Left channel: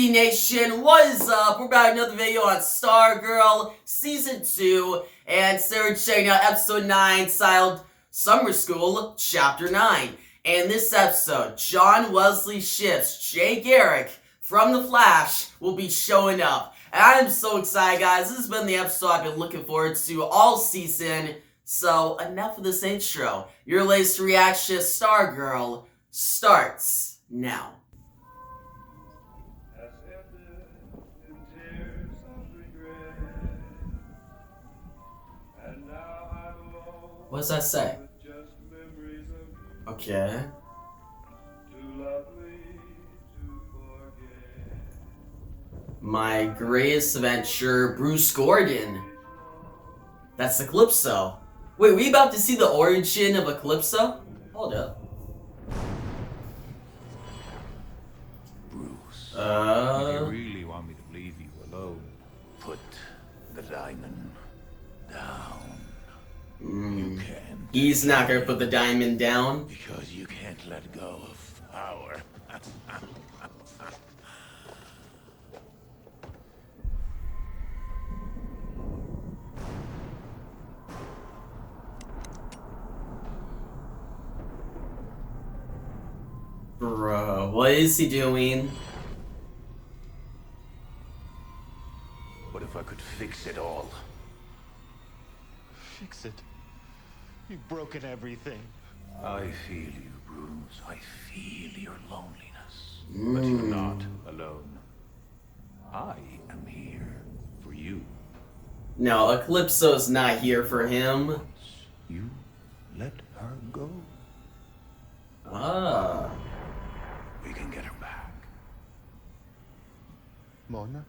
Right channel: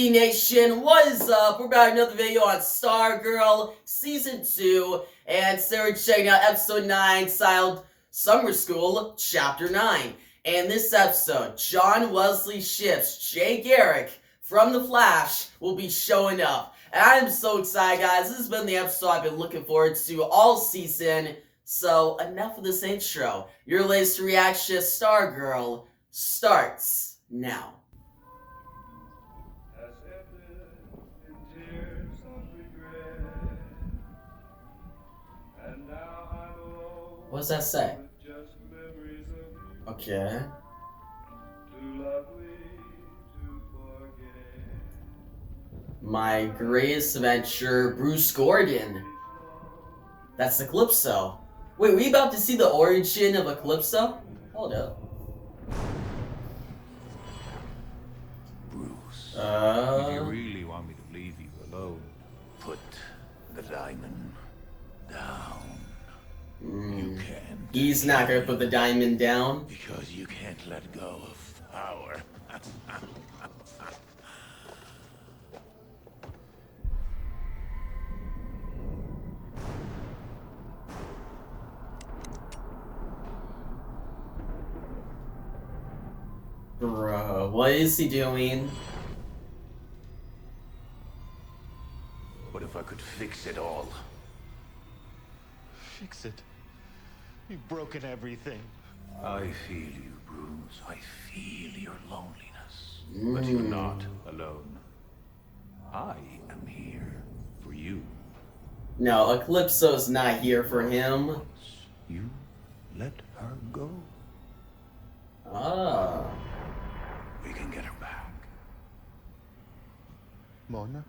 CT Nation, what is up? We're back with another video on Stargirl Season 2, and today we're checking out Episode 9, titled Summer School, Chapter 9. And in this episode, John Wesley Shipp's Jay Garrick from The Flash will be showing up. And I'm so excited, guys. This has been the episode I've been looking forward to all season. So, enough of this intro. Your latest reaction to Stargirl starts now. What does that say? Okay. My greatest adventure, Bruce Gordon. That's Eclipso. Wait, we about to see the origin of Eclipso? Hold up. Bruce, if you really want me to leave you alone, put the diamond down. You can't. He's not gonna put the diamond down. Because you can't let go of power. Bro, what is he doing? What if I could fix it all? Fix it. You've broken everything. I feel you, Bruce. I feel your loneliness. But you're not alone. I am here for you. No, Eclipso's not here for him. Once you let her go, Ah. we can get her back. Mona?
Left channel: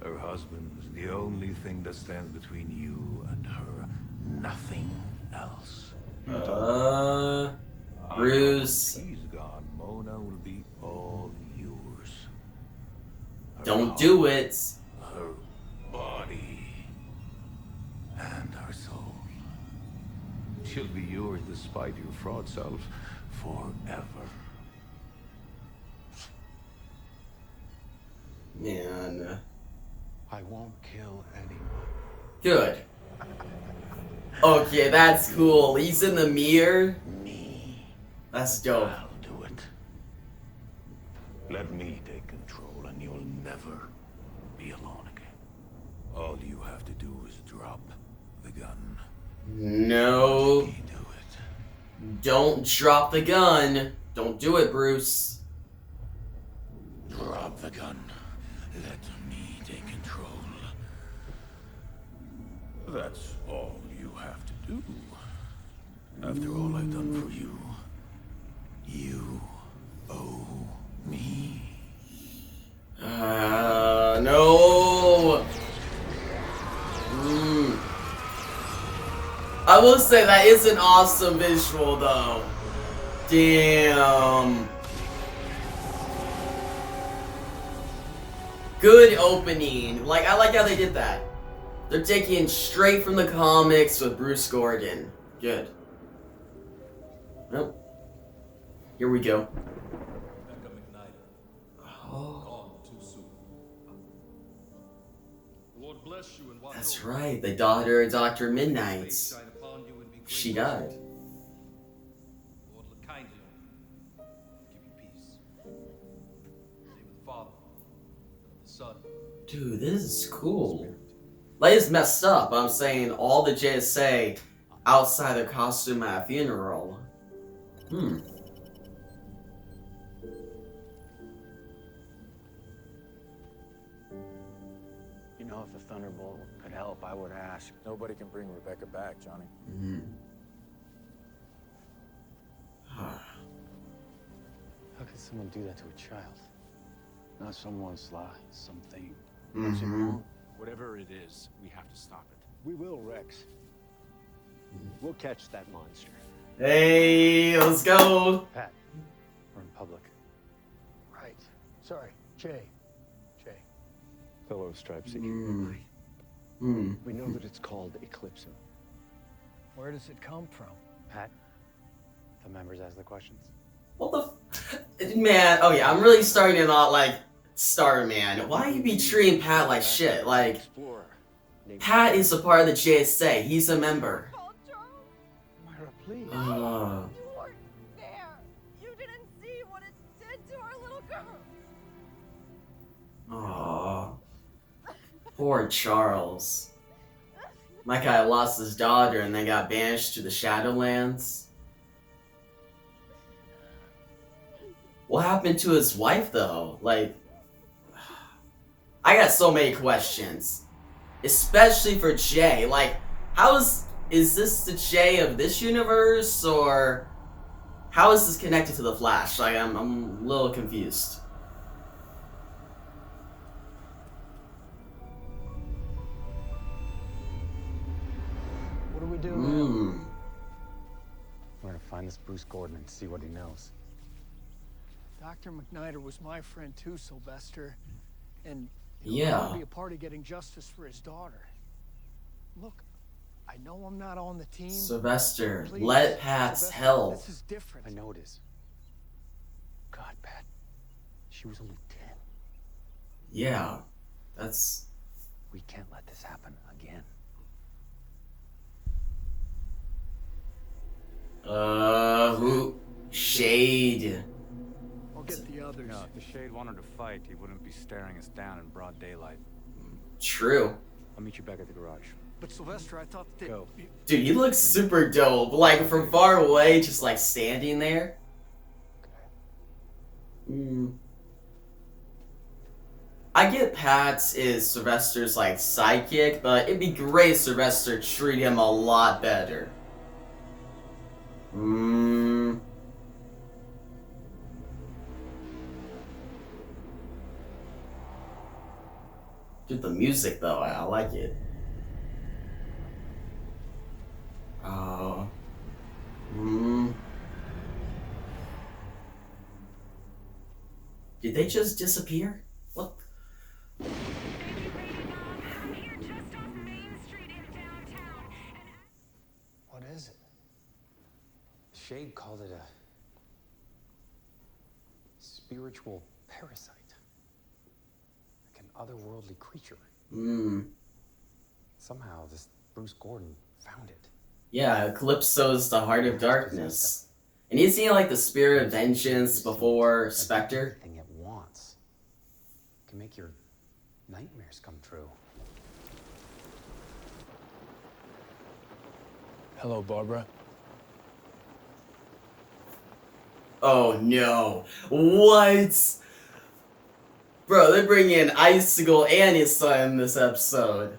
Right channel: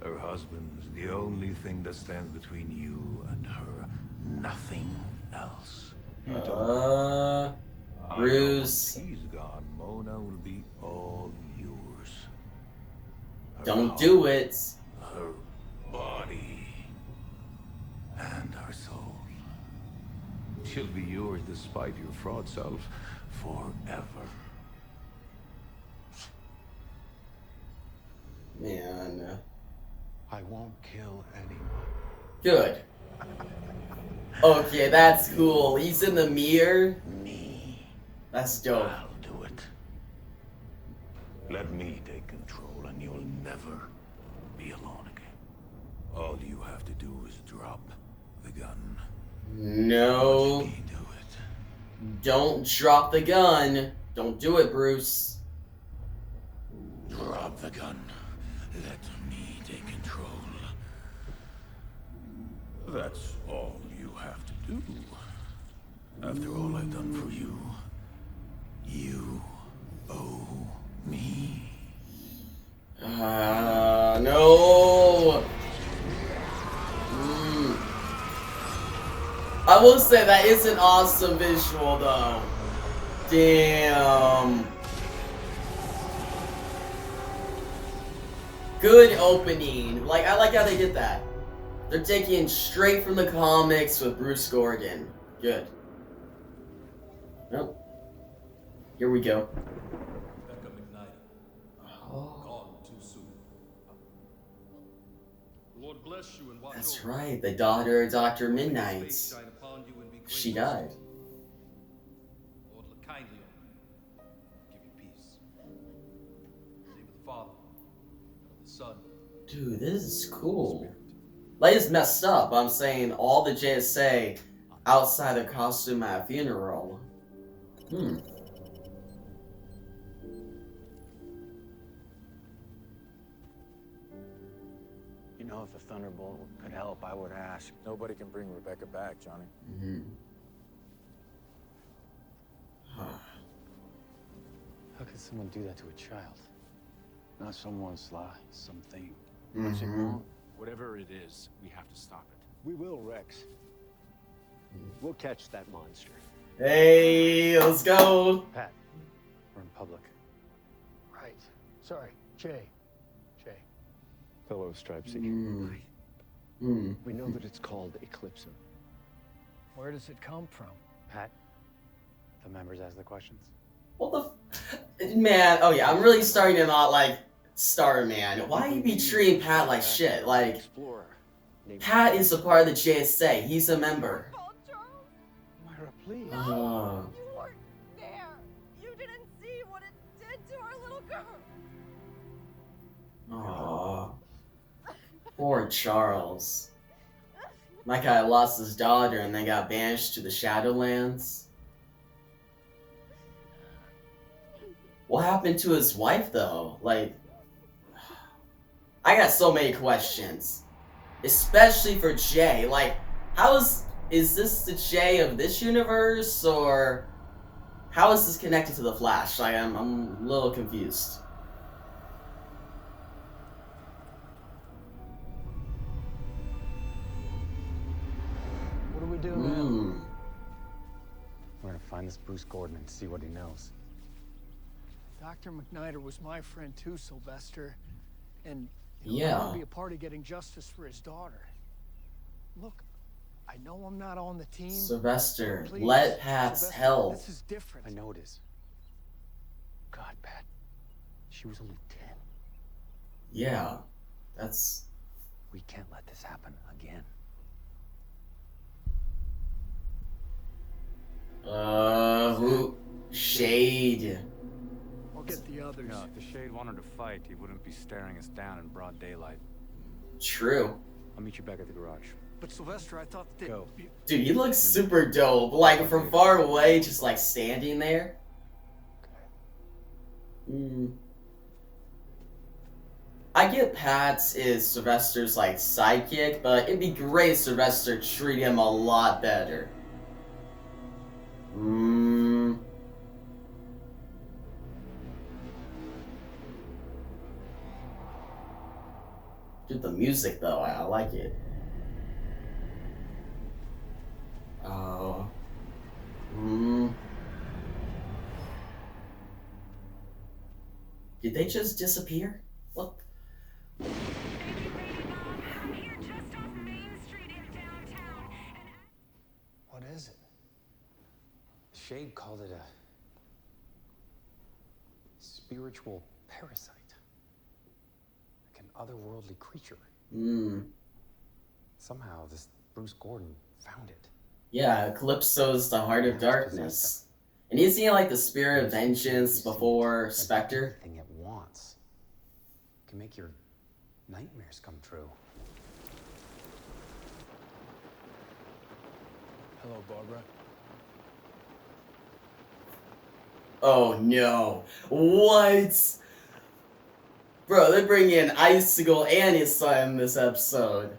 Her husband is the only thing that stands between you and her. Nothing else. Bruce. Once he's gone, Mona will be all yours. Her Don't heart, do it. her body, and her soul. She'll be yours despite your fraud self forever. Man. I won't kill anyone. Good. Okay, that's cool. He's in the mirror. Me. That's dope. I'll do it. Let me take control and you'll never be alone again. All you have to do is drop the gun. No. Let me do it. Don't drop the gun. Don't do it, Bruce. Drop the gun. Let me take control. That's all you have to do. After all I've done for you, you owe me. No. I will say that is an awesome visual, though. Damn. Good opening. Like, I like how they did that. They're taking it straight from the comics with Bruce Gordon. Good. Well, here we go. Gone too soon. The Lord bless you and watch That's over right, the daughter of Dr. you. Midnight. His face shine upon you and be She gracious. died. Lord, look kindly on you. Give you peace. In the name of the Father, and of the Son. Dude, this is cool. Like, it's messed up. I'm saying all the JSA outside their costume at a funeral. You know, if the Thunderbolt could help, I would ask. Nobody can bring Rebecca back, Johnny. How could someone do that to a child? Not someone's lie, something. Whatever it is, we have to stop it. We will, Rex. We'll catch that monster. Hey, let's go. Pat, we're in public. Right. Sorry. Jay. Fellow Stripe Seeker. We know that it's called Eclipso. Where does it come from? Pat, the members ask the questions. What the Man, oh yeah, I'm really starting to not like Starman. Why you be treating Pat like shit? Like, Explorer named Pat is a part of the JSA. He's a member. Call Charles. Myra, please. Oh, You weren't there. You didn't see what it did to our little girl. oh, poor Charles. My guy lost his daughter and then got banished to the Shadowlands. What happened to his wife, though? Like, I got so many questions. Especially for Jay. Like, is this the Jay of this universe, or how is this connected to the Flash? Like, I'm a little confused. What do we do now? We're gonna find this Bruce Gordon and see what he knows. Dr. McNider was my friend too, Sylvester. And I Yeah. want to be a part of getting justice for his daughter. Look, I know I'm not on the team. Sylvester, Please, let Pat's Sylvester, help. This is different. I know it is. God, Pat. She was only 10. Yeah, that's... We can't let this happen again. Who? Shade. I'll get the others. No, if the Shade wanted to fight, he wouldn't be staring us down in broad daylight. True. I'll meet you back at the garage. But Sylvester, I thought that... Go. Dude, he looks super dope. Like, from far away, just like standing there. I get Pat's is Sylvester's like sidekick, but it'd be great if Sylvester treat him a lot better. Dude, the music though, I like it. Did they just disappear? What? What is it? Shade called it a spiritual parasite. Like an otherworldly creature. Somehow this Bruce Gordon found it. Yeah, Calypso's the heart of darkness. And isn't he like the spirit of vengeance before Spectre? Anything it wants can make your nightmares come true. Hello, Barbara. Oh no. What? Bro, they're bringing in Icicle and his son in this episode.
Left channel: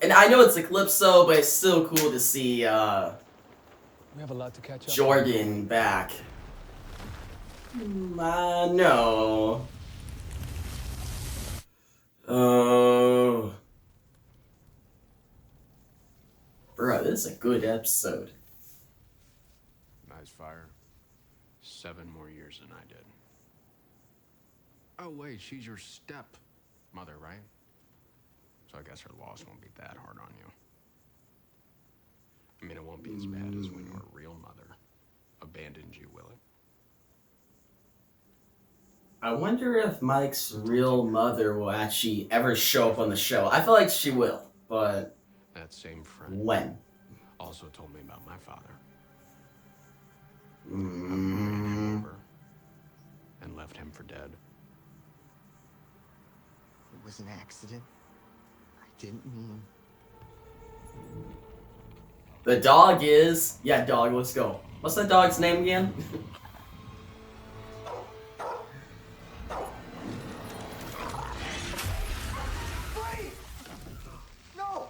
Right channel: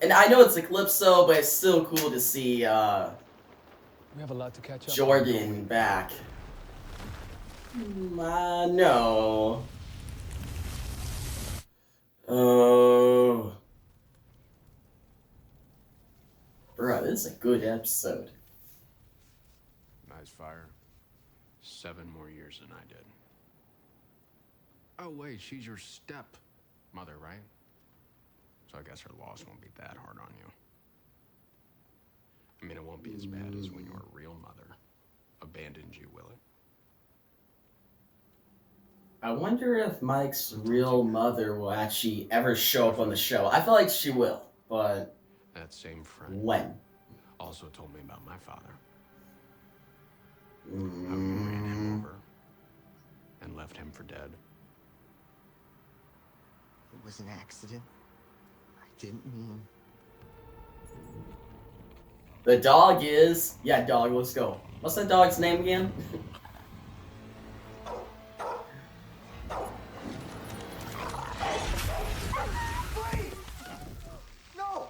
And I know it's Eclipso, but it's still cool to see We have a lot to catch up on. Jordan back. No. Oh. Bro, this is a good episode. Nice fire. 7 more years than I did. Oh wait, she's your step-mother, right? So I guess her loss won't be that hard on you. I mean, it won't be as bad as when your real mother abandoned you, will it? I wonder if Mike's real mother will actually ever show up on the show. I feel like she will, but That same friend when? also told me about my father. How you ran him over and left him for dead. It was an accident. I didn't mean. The dog is... Yeah, dog, let's go. What's that dog's name again? No!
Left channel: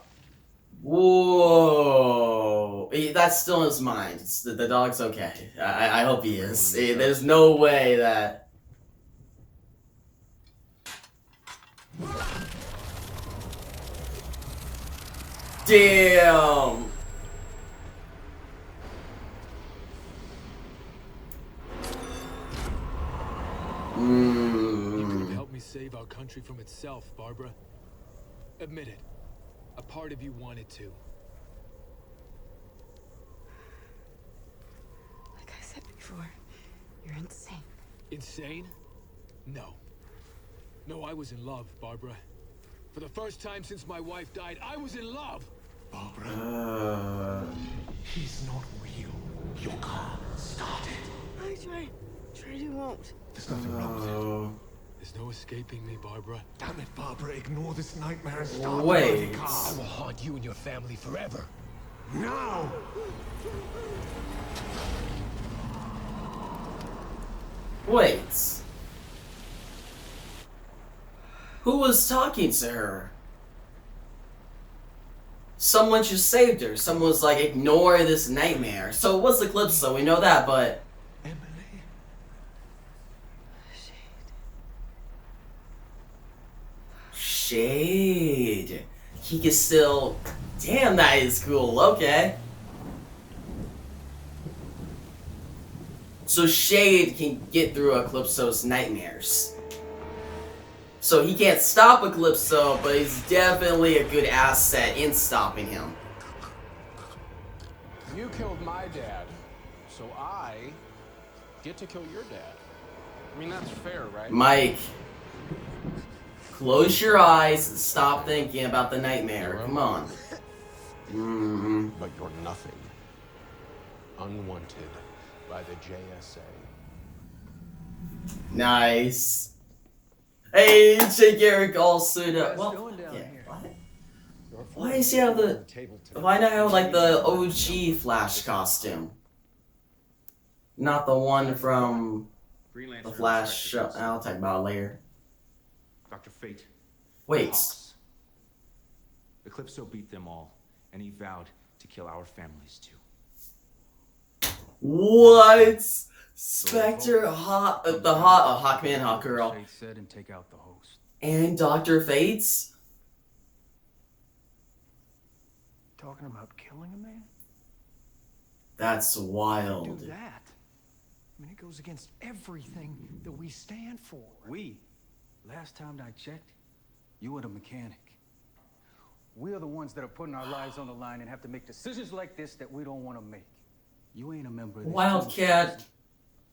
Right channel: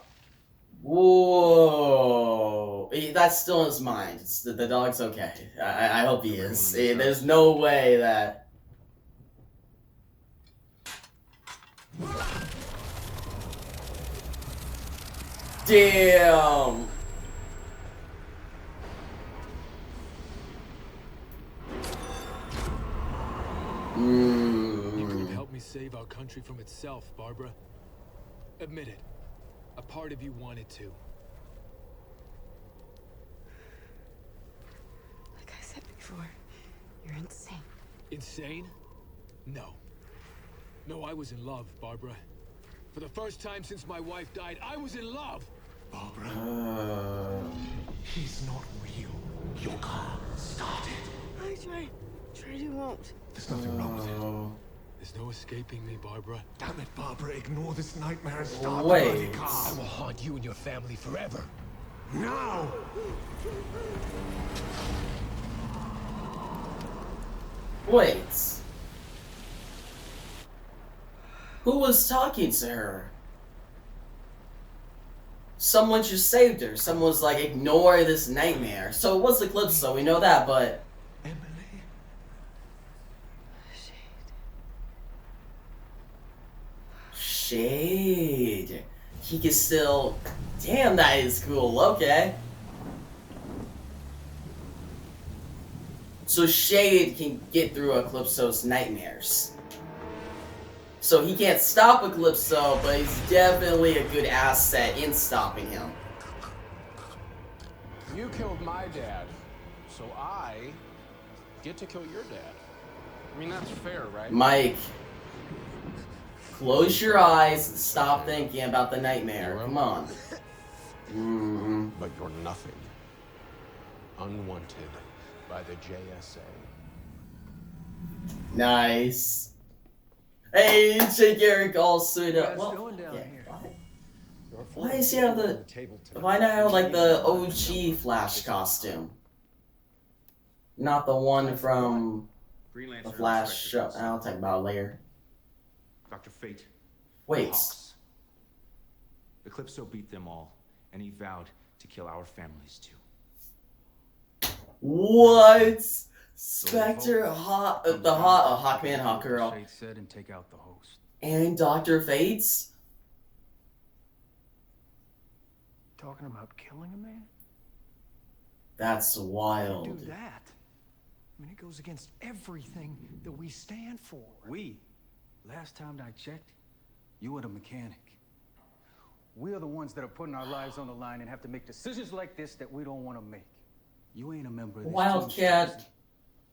Whoa. That's still in his mind. The dog's okay. I hope he is. There's no way that... Damn! You could have helped me save our country from itself, Barbara. Admit it. A part of you wanted to. Like I said before, you're insane. Insane? No. No, I was in love, Barbara. For the first time since my wife died, I was in love! Barbara, he's not real. Your car started. I tried to won't. There's nothing wrong with it. There's no escaping me, Barbara. Damn it, Barbara, ignore this nightmare and start the Wait. bloody car. I will haunt you and your family forever. Now! Wait. Who was talking to her? Someone just saved her. Someone was like, ignore this nightmare. So it was Eclipso, we know that, but... Emily? Shade. He can still... Damn, that is cool. Okay. So Shade can get through Eclipso's nightmares. So he can't stop Eclipso, but he's definitely a good asset in stopping him. You killed my dad, so I get to kill your dad. I mean, that's fair, right? Mike, close your eyes and stop thinking about the nightmare. Come on. But you're nothing. Unwanted by the JSA. Nice. Hey, J. Garrick all suited up. What you guys doing down here? Why does he have the... Why not have, like, the OG Flash costume? Not the one from the Flash show. I'll talk about it later. Dr. Fate. Wait. Hawks. Eclipso beat them all, and he vowed to kill our families too. What? Spectre, Hawkman, Hawkgirl, Shade said and take out the host. and Dr. Fates? Talking about killing a man? That's Do wild. that. I mean, it goes against everything that we stand for. We, last time I checked, you were the mechanic. We are the ones that are putting our lives on the line and have to make decisions like this that we don't want to make. You ain't a member of this Wildcat. team,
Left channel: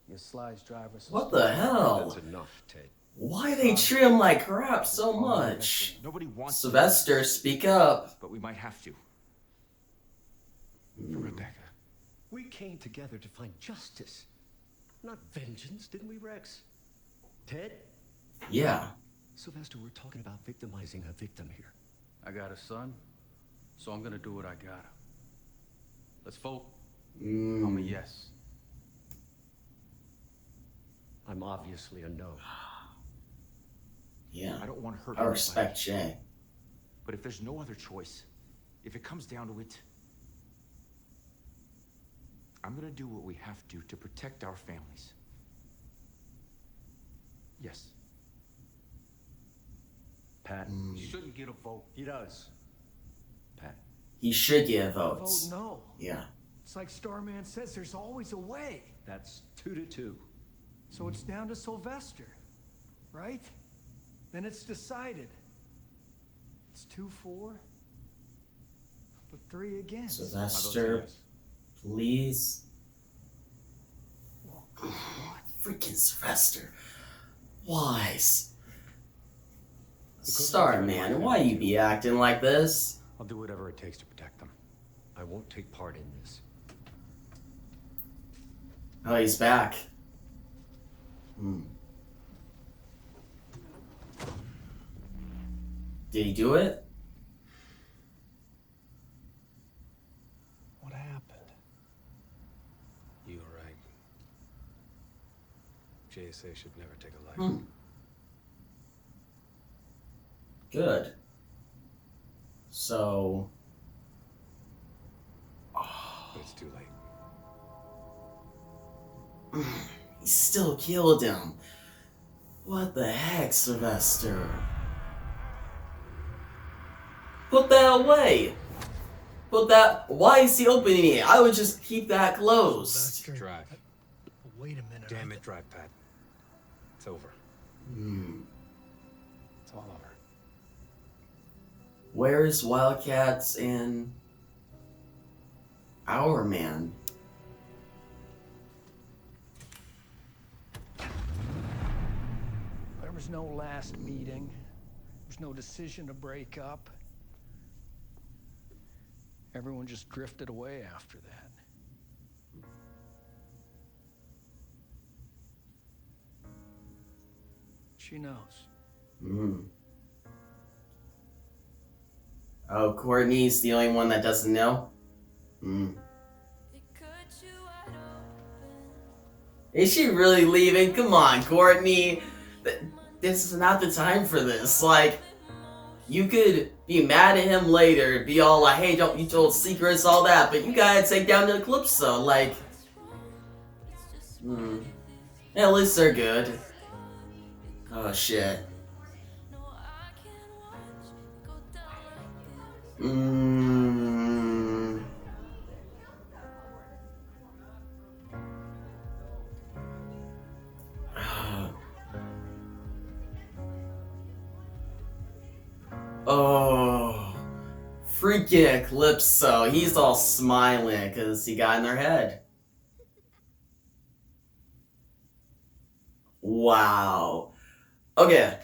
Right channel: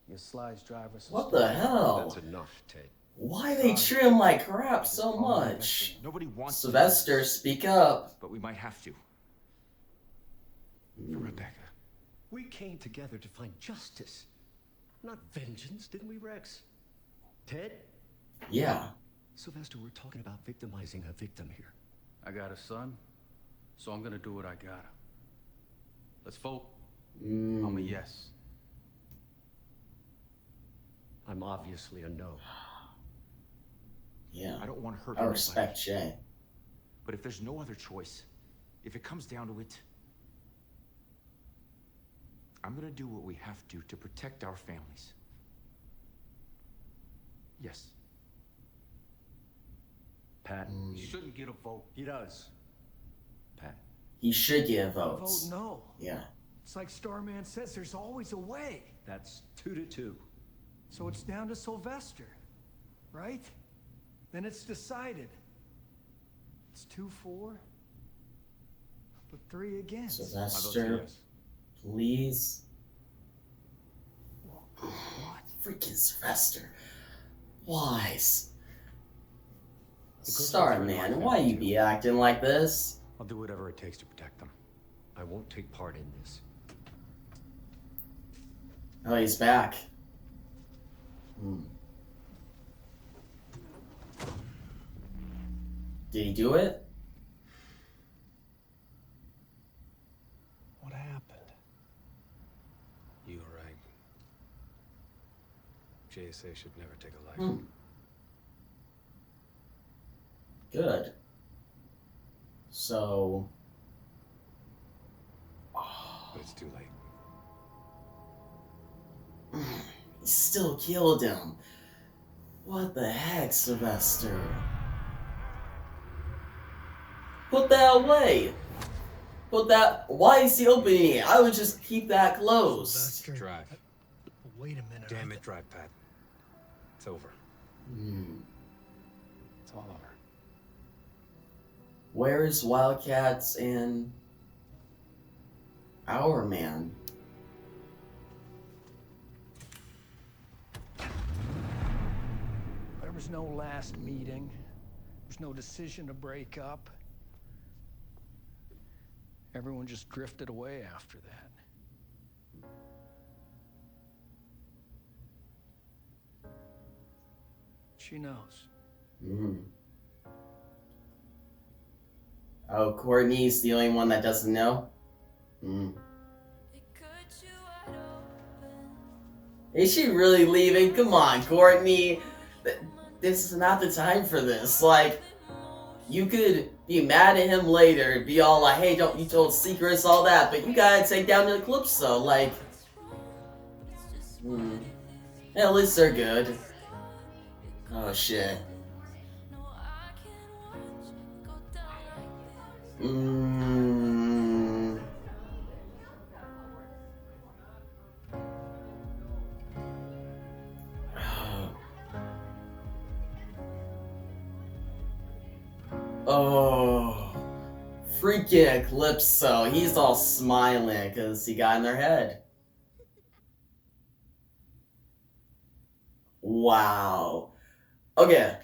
your slides driver. What the hell? That's enough, Ted. Why they treat him like crap so much? Nobody wants Sylvester, to, speak up. but we might have to. For Rebecca. We came together to find justice, not vengeance, didn't we, Rex? Ted? Yeah. Sylvester, we're talking about victimizing a victim here. I got a son, so I'm gonna do what I gotta. Let's vote. Mm. I'm a yes. I'm obviously a no. Yeah. I don't want to hurt I anybody. respect Jay. But if there's no other choice, if it comes down to it, I'm gonna do what we have to protect our families. Yes. Pat? You shouldn't get a vote. He does. Pat. He should get Vote votes. no. Yeah. It's like Starman says, there's always a way. That's 2-2. So it's down to Sylvester, right? Then it's decided. It's 2-4, but 3 against. Sylvester, please. What? Freaking Sylvester. Wise. Because Starman, why you be acting like this? I'll do whatever it takes to protect them. I won't take part in this. Oh, he's back. Did he do it? What happened? You were right. JSA should never take a life. Good. So... But it's too late. He still killed him. What the heck, Sylvester? Put that away. Put that... Why is he opening it? I would just keep that closed. Sylvester, Drive. wait a minute. Damn it, drive, Pat. It's over. It's all over. Where is Wildcats and our man? was no last meeting. There was no decision to break up. Everyone just drifted away after that. She knows. Oh, Courtney's the only one that doesn't know? Is she really leaving? Come on, Courtney. This is not the time for this. Like, you could be mad at him later, be all like, hey, don't you told secrets, all that, but you gotta take down the Eclipso. Like, at least they're good. Oh, shit. Oh, freaking Eclipso. He's all smiling because he got in their head. Wow. Okay.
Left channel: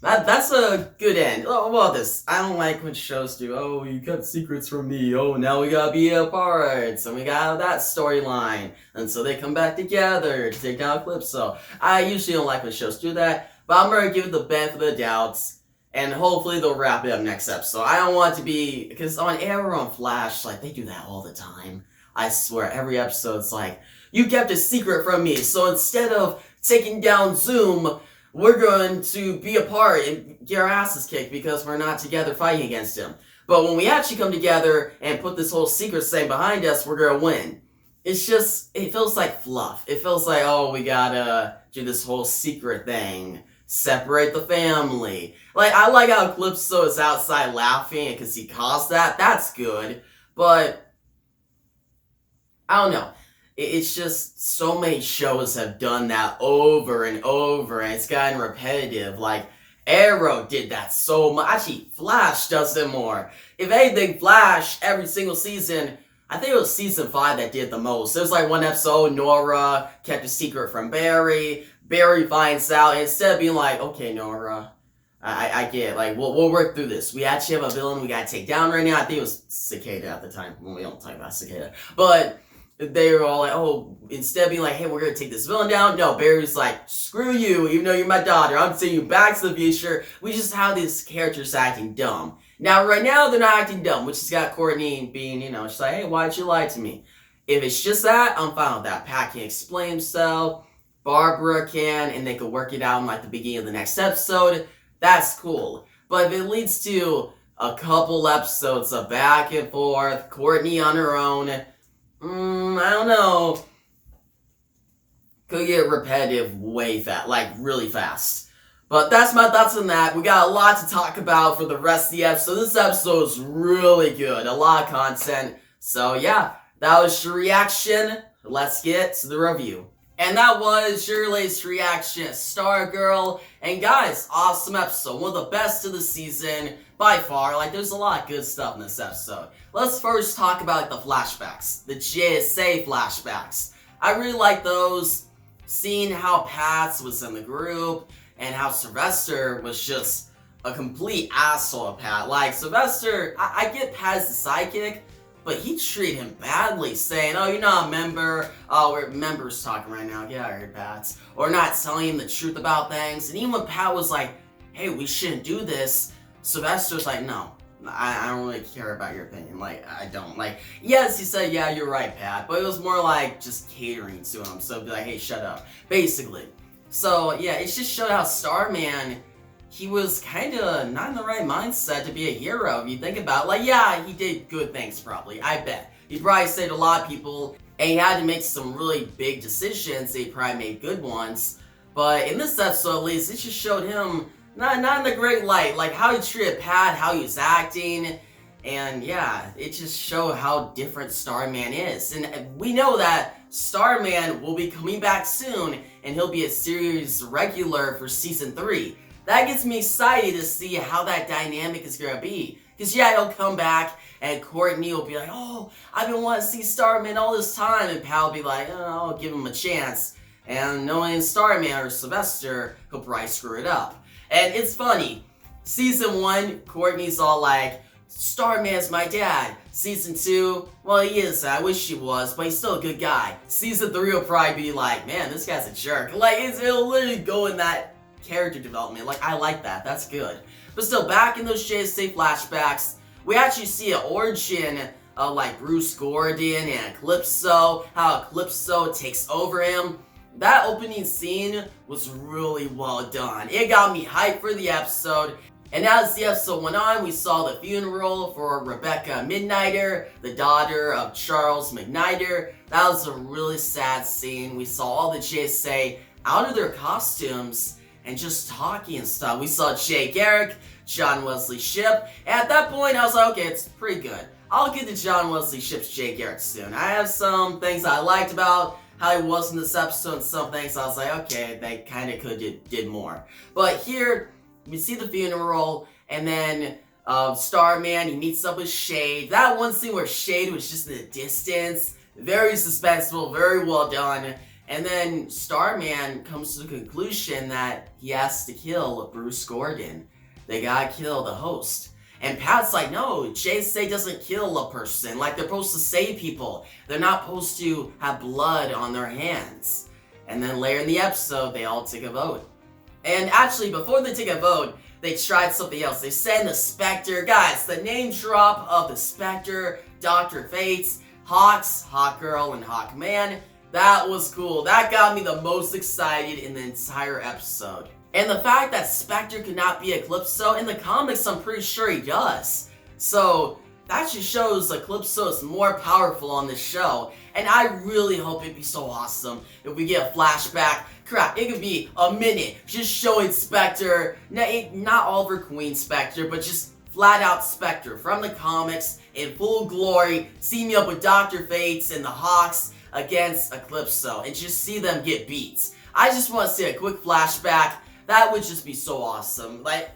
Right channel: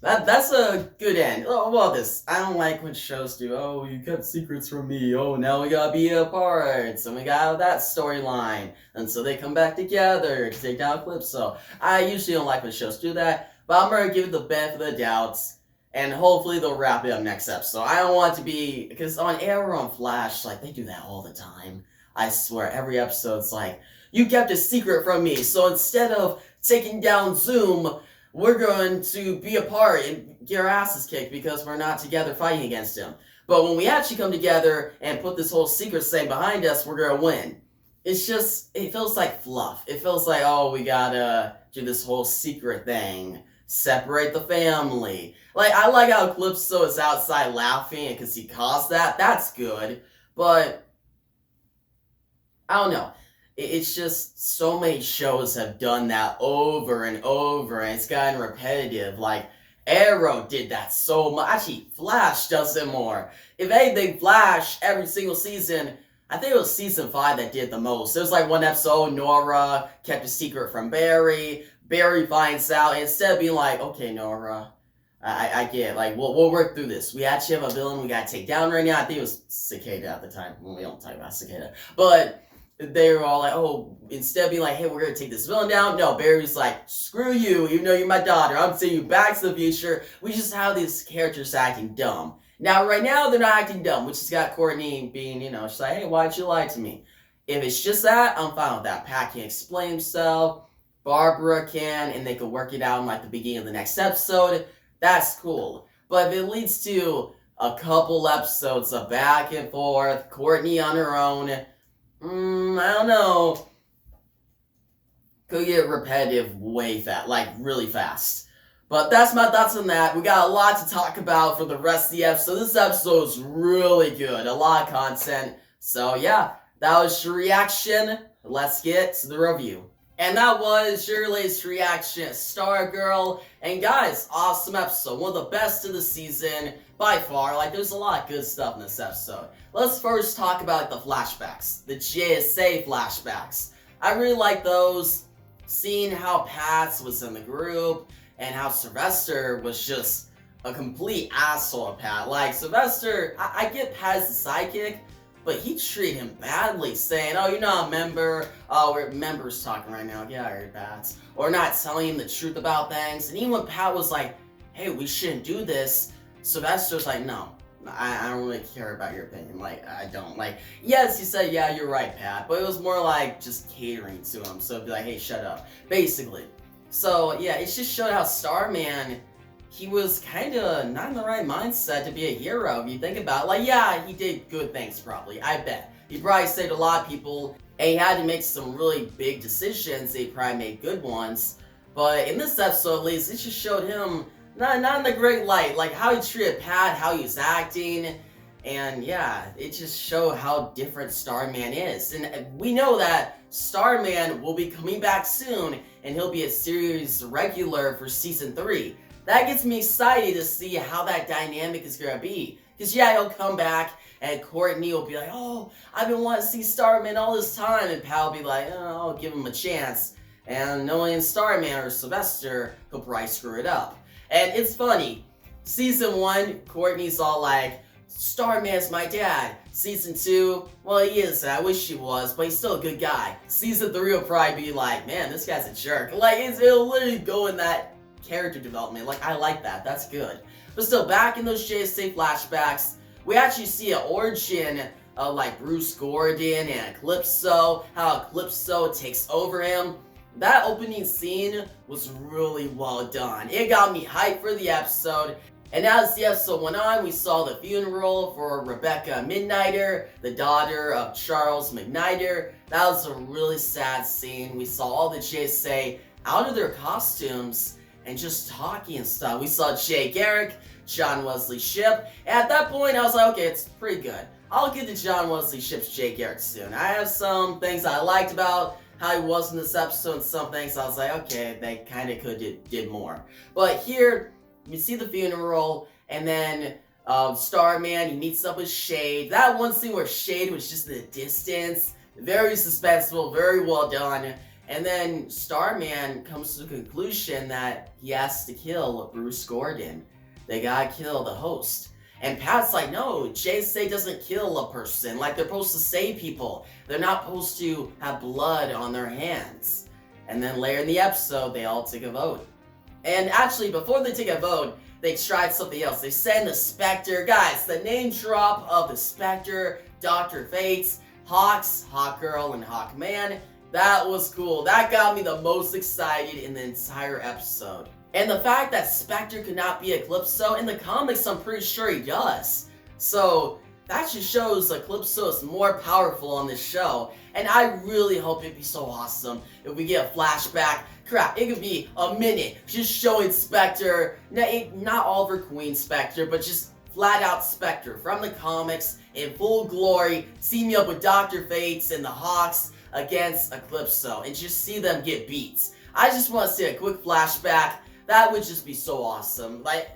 That's a good end. Oh, what about this? I don't like when shows do, oh, you kept secrets from me. Oh, now we gotta be apart. So we got that storyline. And so they come back together to take down Eclipso. I usually don't like when shows do that, but I'm gonna give it the benefit of the doubts. And hopefully they'll wrap it up next episode. I don't want it to be, because on Arrow and Flash, like, they do that all the time. I swear, every episode's like, you kept a secret from me, so instead of taking down Zoom, we're going to be apart and get our asses kicked because we're not together fighting against him. But when we actually come together and put this whole secret thing behind us, we're going to win. It's just, it feels like fluff. It feels like, oh, we gotta do this whole secret thing. Separate the family. Like, I like how Eclipso is outside laughing because he caused that. That's good. But, I don't know. It's just so many shows have done that over and over, and it's gotten repetitive. Like, Arrow did that so much. Actually, Flash does it more. If anything, Flash, every single season, I think it was season 5 that did the most. There was like one episode, Nora kept a secret from Barry. Barry finds out, and instead of being like, okay, Nora, I get it. Like, we'll work through this. We actually have a villain we gotta take down right now. I think it was Cicada at the time. Well, we don't talk about Cicada. But they were all like, oh, instead of being like, hey, we're gonna take this villain down, no, Barry's like, screw you, even though you're my daughter, I'm sending you back to the future. We just have these characters acting dumb. Now, right now, they're not acting dumb, which has got Courtney being, she's like, hey, why'd you lie to me? If it's just that, I'm fine with that. Pat can explain himself, Barbara can, and they could work it out in like the beginning of the next episode. That's cool. But if it leads to a couple episodes of back and forth, Courtney on her own, I don't know. Could get repetitive way fast, like really fast. But that's my thoughts on that. We got a lot to talk about for the rest of the episode. This episode is really good. A lot of content. So yeah, that was your reaction. Let's get to the review. And that was your latest reaction, Stargirl. And guys, awesome episode. One of the best of the season, by far. Like, there's a lot of good stuff in this episode. Let's first talk about the flashbacks. The JSA flashbacks. I really like those. Seeing how Pats was in the group, and how Sylvester was just a complete asshole of Pat. Like, Sylvester, I get Pat as the sidekick, but he treated him badly, saying, oh, you're not a member. Oh, we're members talking right now. Yeah, I heard Pat. Or not telling him the truth about things. And even when Pat was like, hey, we shouldn't do this, Sylvester's like, no, I don't really care about your opinion. Like, I don't. Like, yes, he said, yeah, you're right, Pat. But it was more like just catering to him. So be like, hey, shut up. Basically. So, yeah, it's just showing how Starman, he was kind of not in the right mindset to be a hero, if you think about it. Like, yeah, he did good things, probably. I bet. He probably saved a lot of people, and he had to make some really big decisions. He probably made good ones. But in this episode, at least, it just showed him not in the great light. Like, how he treated Pat, how he was acting. And, yeah, it just showed how different Starman is. And we know that Starman will be coming back soon, and he'll be a series regular for Season 3. That gets me excited to see how that dynamic is going to be. Because, yeah, he'll come back, and Courtney will be like, oh, I've been wanting to see Starman all this time. And Pat will be like, oh, I'll give him a chance. And knowing Starman or Sylvester, he'll probably screw it up. And it's funny, Season 1, Courtney's all like, Starman's my dad. Season 2, well, he is, I wish he was, but he's still a good guy. Season 3 will probably be like, man, this guy's a jerk. Like, it'll literally go in that character development. Like, I like that, that's good. But still, back in those JSA flashbacks, we actually see an origin of like Bruce Gordon and Eclipso, how Eclipso takes over him. That opening scene was really well done. It got me hyped for the episode. And as the episode went on, we saw the funeral for Rebecca Midnighter, the daughter of Charles McNider. That was a really sad scene. We saw all the JSA out of their costumes and just talking and stuff. We saw Jay Garrick, John Wesley Shipp, and at that point I was like, okay, it's pretty good. I'll get to John Wesley Shipp's Jay Garrick soon. I have some things I liked about how he was in this episode, and some things I was like, okay, they kind of could did more. But here, we see the funeral, and then Starman, he meets up with Shade. That one scene where Shade was just in the distance, very suspenseful, very well done. And then Starman comes to the conclusion that he has to kill Bruce Gordon. They gotta kill the host. And Pat's like, no, JSA doesn't kill a person. Like, they're supposed to save people. They're not supposed to have blood on their hands. And then later in the episode, they all take a vote. And actually, before they take a vote, they tried something else. They send the Spectre. Guys, the name drop of the Spectre, Dr. Fates, Hawks, Hawkgirl, and Hawkman. That was cool. That got me the most excited in the entire episode. And the fact that Spectre could not be Eclipso, in the comics I'm pretty sure he does. So that just shows Eclipso is more powerful on this show. And I really hope it'd be so awesome if we get a flashback. Crap, it could be a minute just showing Spectre, not Oliver Queen Spectre, but just flat out Spectre from the comics in full glory, teaming up with Dr. Fates and the Hawks against Eclipso, and just see them get beat. I just want to see a quick flashback. That would just be so awesome. Like,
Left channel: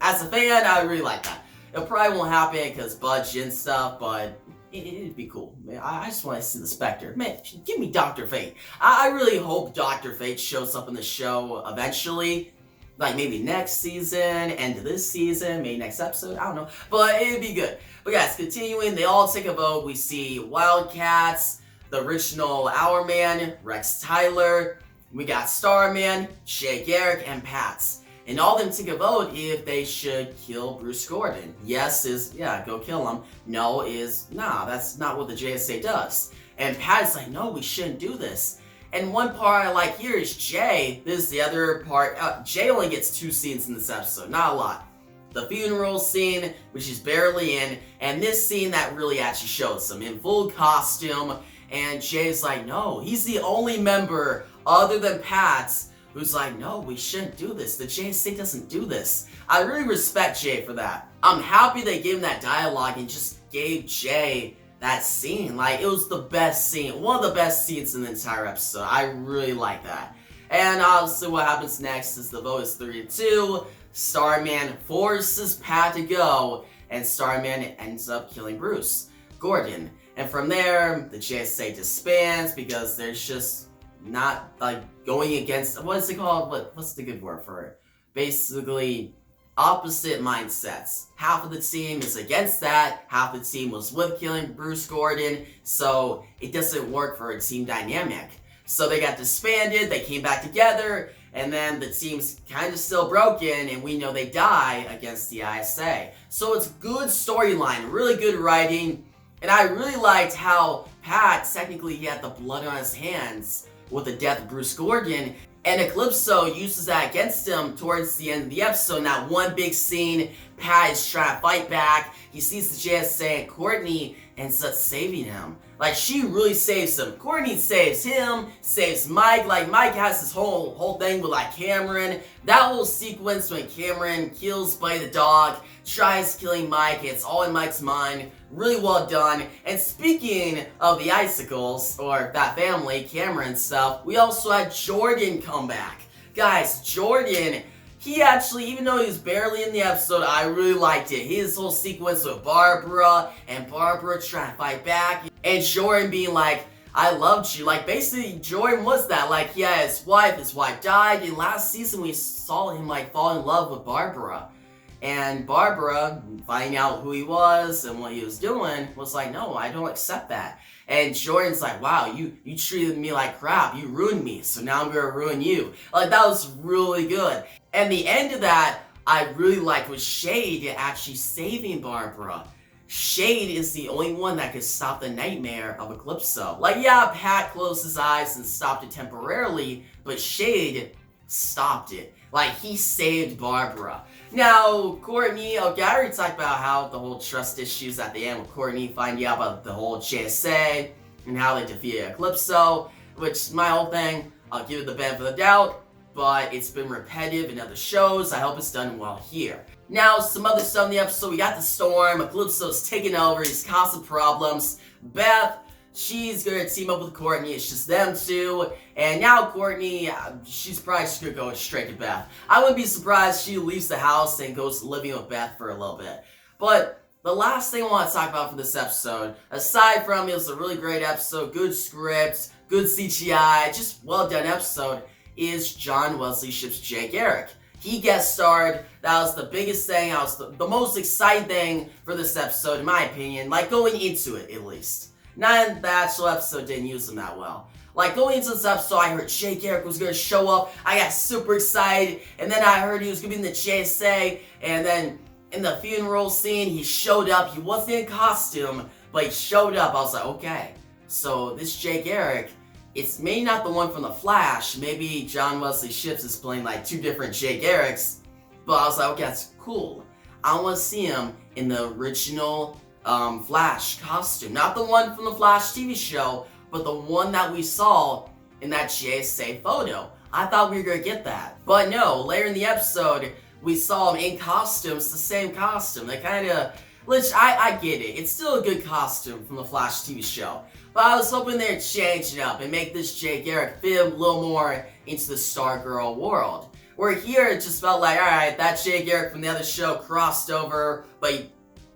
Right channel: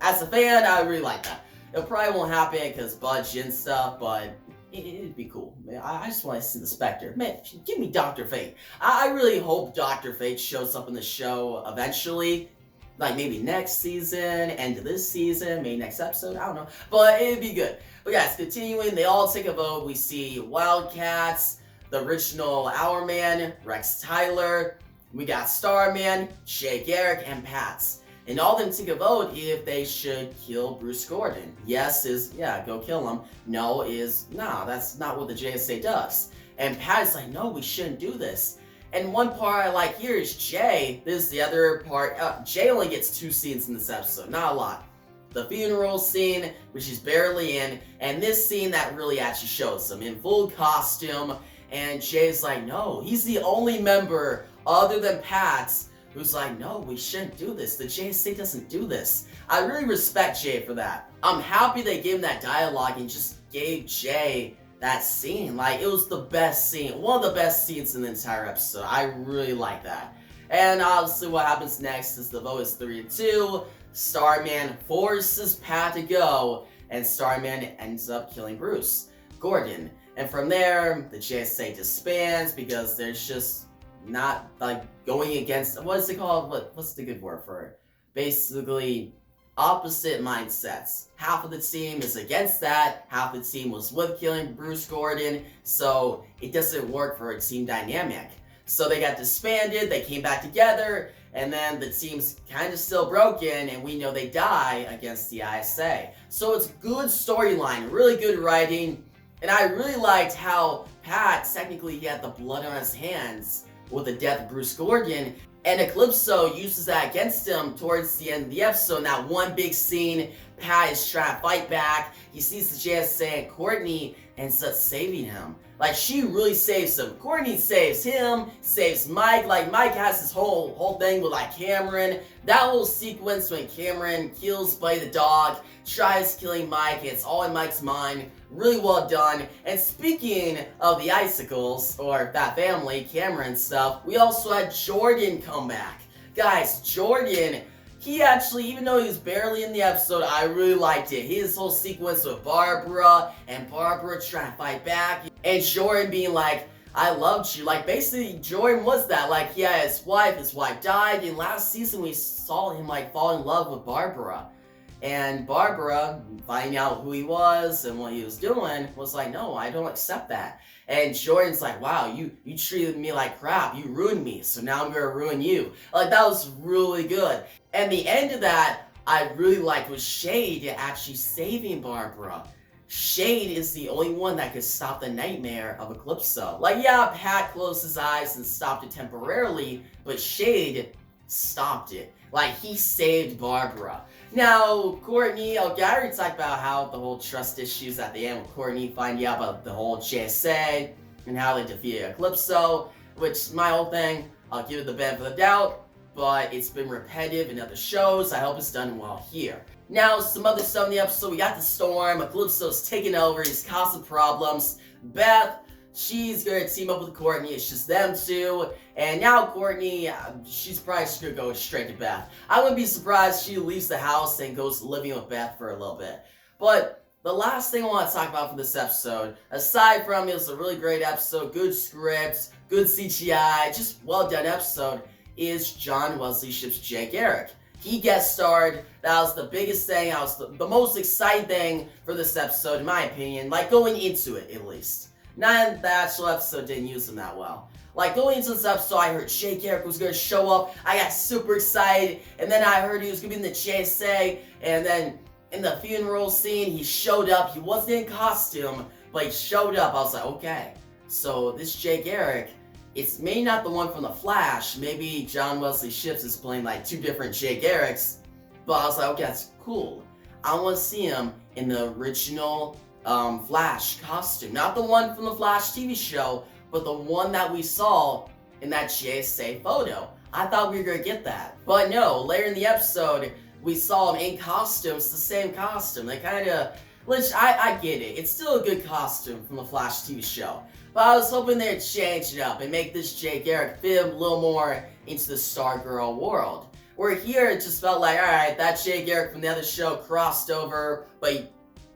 as a fan, I really like that. It probably won't happen because budget and stuff, but it'd be cool. Man, I just want to see the Spectre. Man, give me Dr. Fate. I really hope Dr. Fate shows up in the show eventually. Like, maybe next season, end of this season, maybe next episode, I don't know. But it'd be good. But guys, continuing, they all take a vote. We see Wildcats, the original Hourman, Rex Tyler. We got Starman, Jay Garrick, and Pats. And all of them take a vote if they should kill Bruce Gordon. Yes is, yeah, go kill him. No is, nah, that's not what the JSA does. And Pat is like, no, we shouldn't do this. And one part I like here is Jay. This is the other part. Jay only gets 2 scenes in this episode, not a lot. The funeral scene, which he's barely in, and this scene that really actually shows him in full costume. And Jay's like, no, he's the only member other than Pat's who's like, no, we shouldn't do this. The JSA doesn't do this. I really respect Jay for that. I'm happy they gave him that dialogue and just gave Jay that scene. Like, it was the best scene. One of the best scenes in the entire episode. I really like that. And obviously what happens next is the vote is 3-2. Starman forces Pat to go, and Starman ends up killing Bruce Gordon. And from there, the JSA disbands because there's just not like going against, what is it called? What's the good word for it? Basically, opposite mindsets. Half of the team is against that, half the team was with killing Bruce Gordon, so it doesn't work for a team dynamic. So they got disbanded, they came back together, and then the team's kind of still broken, and we know they die against the ISA. So it's good storyline, really good writing, and I really liked how Pat, technically he had the blood on his hands with the death of Bruce Gordon, and Eclipso uses that against him towards the end of the episode. In that one big scene, Pat is trying to fight back, he sees the JSA and Courtney ends up saving him. Like, she really saves him. Courtney saves him, saves Mike. Like, Mike has this whole thing with, like, Cameron. That little sequence when Cameron kills Buddy the dog, tries killing Mike, it's all in Mike's mind. Really well done. And speaking of the Icicles, or that family, Cameron stuff, we also had Jordan come back. Guys, Jordan, he actually, even though he was barely in the episode, I really liked it. His whole sequence with Barbara, and Barbara trying to fight back, and Jordan being like, I loved you. Like, basically, Jordan was that. Like, he had his wife died, and last season we saw him, like, fall in love with Barbara. And Barbara, finding out who he was and what he was doing, was like, no, I don't accept that. And Jordan's like, wow, you treated me like crap. You ruined me, so now I'm gonna ruin you. Like, that was really good. And the end of that, I really liked was Shade actually saving Barbara. Shade is the only one that could stop the nightmare of Eclipso. Like, yeah, Pat closed his eyes and stopped it temporarily, but Shade stopped it. Like, he saved Barbara. Now, Courtney, Garrick talked about how the whole trust issues at the end with Courtney finding out about the whole JSA and how they defeated Eclipso, which, my whole thing, I'll give it the benefit of the doubt, but it's been repetitive in other shows. I hope it's done well here. Now, some other stuff in the episode. We got the storm. Eclipso's taking over. He's causing problems. Beth, she's gonna team up with Courtney. It's just them two. And now Courtney, she's probably just gonna go straight to Beth. I wouldn't be surprised she leaves the house and goes living with Beth for a little bit. But the last thing I want to talk about for this episode, aside from it was a really great episode, good script, good CGI, just well done episode, is John Wesley Shipp's Jay Garrick. He guest starred. That was the biggest thing. That was the most exciting thing for this episode, in my opinion. Like, going into it, at least. Not in the actual episode didn't use him that well. Like, going into this episode, I heard Jay Garrick was going to show up. I got super excited. And then I heard he was going to be in the JSA. And then in the funeral scene, he showed up. He wasn't in costume, but he showed up. I was like, okay. So this Jay Garrick, it's maybe not the one from The Flash. Maybe John Wesley Shipp is playing like two different Jay Garricks. But I was like, okay, that's cool. I want to see him in the original Flash costume. Not the one from the Flash TV show, but the one that we saw in that JSA photo. I thought we were going to get that. But no, later in the episode, we saw him in costume. It's the same costume. They kind of... Which, I get it. It's still a good costume from the Flash TV show. But I was hoping they'd change it up and make this Jay Garrick fit a little more into the Stargirl world. Where here, it just felt like, alright, that Jay Garrick from the other show crossed over, but he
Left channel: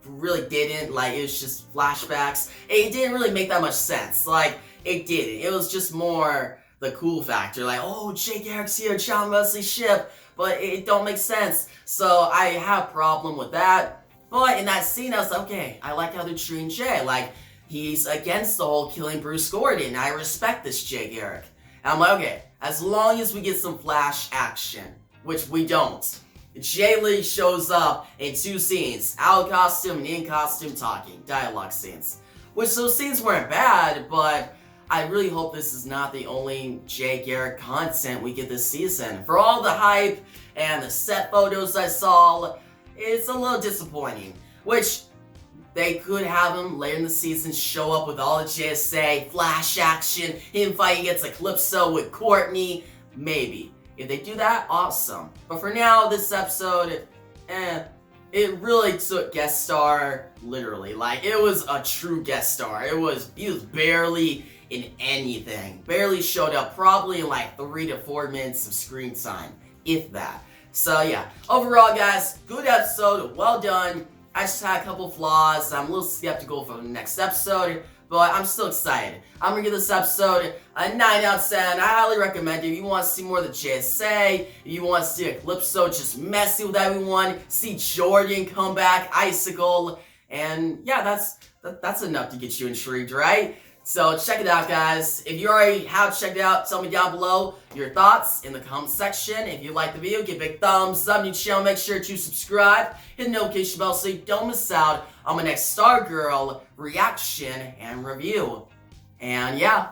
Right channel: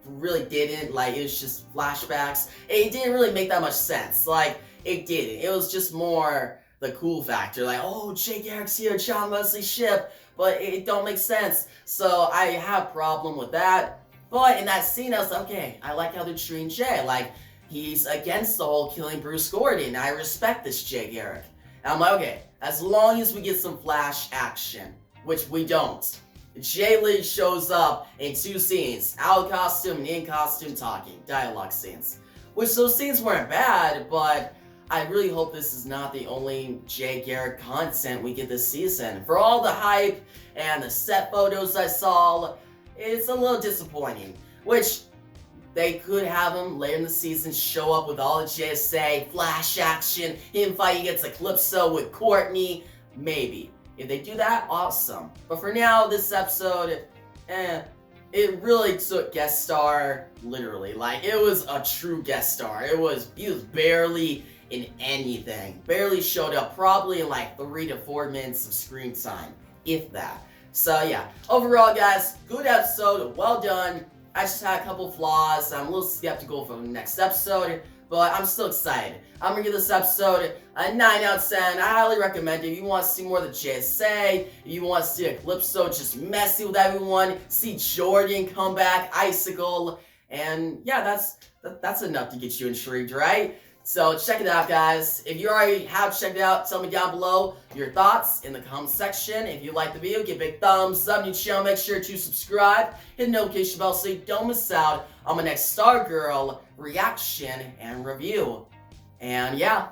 really didn't. Like, it was just flashbacks. It didn't really make that much sense. Like, it didn't. It was just more the cool factor. Like, oh, Jay Garrick's here, John Wesley Shipp. But it don't make sense. So I have a problem with that. But in that scene, I was like, okay, I like how they're treating Jay. Like, he's against the whole killing Bruce Gordon. I respect this Jay Garrick. And I'm like, okay, as long as we get some Flash action, which we don't. Jay Lee shows up in two scenes, out of costume and in costume talking, dialogue scenes. Which those scenes weren't bad, but I really hope this is not the only Jay Garrick content we get this season. For all the hype and the set photos I saw, it's a little disappointing. Which, they could have him later in the season show up with all the JSA, Flash action, him fighting against Eclipso with Courtney, maybe. If they do that, awesome. But for now, this episode, it really took guest star, literally. Like, it was a true guest star. He was barely in anything. Barely showed up, probably in like 3 to 4 minutes of screen time, if that. So yeah, overall guys, good episode, well done. I just had a couple flaws. I'm a little skeptical for the next episode, but I'm still excited. I'm gonna give this episode a 9 out of 10. I highly recommend it. If you want to see more of the JSA, if you want to see Eclipso just messy with everyone, see Jordan come back, Icicle, and yeah, that's enough to get you intrigued, right? So check it out, guys. If you already have checked it out, tell me down below your thoughts in the comment section. If you like the video, give a big thumbs up. New channel, make sure to subscribe, hit the notification bell so you don't miss out on my next Stargirl reaction and review. And yeah,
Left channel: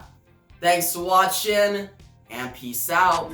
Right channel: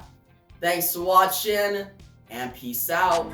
thanks for watching, and peace out.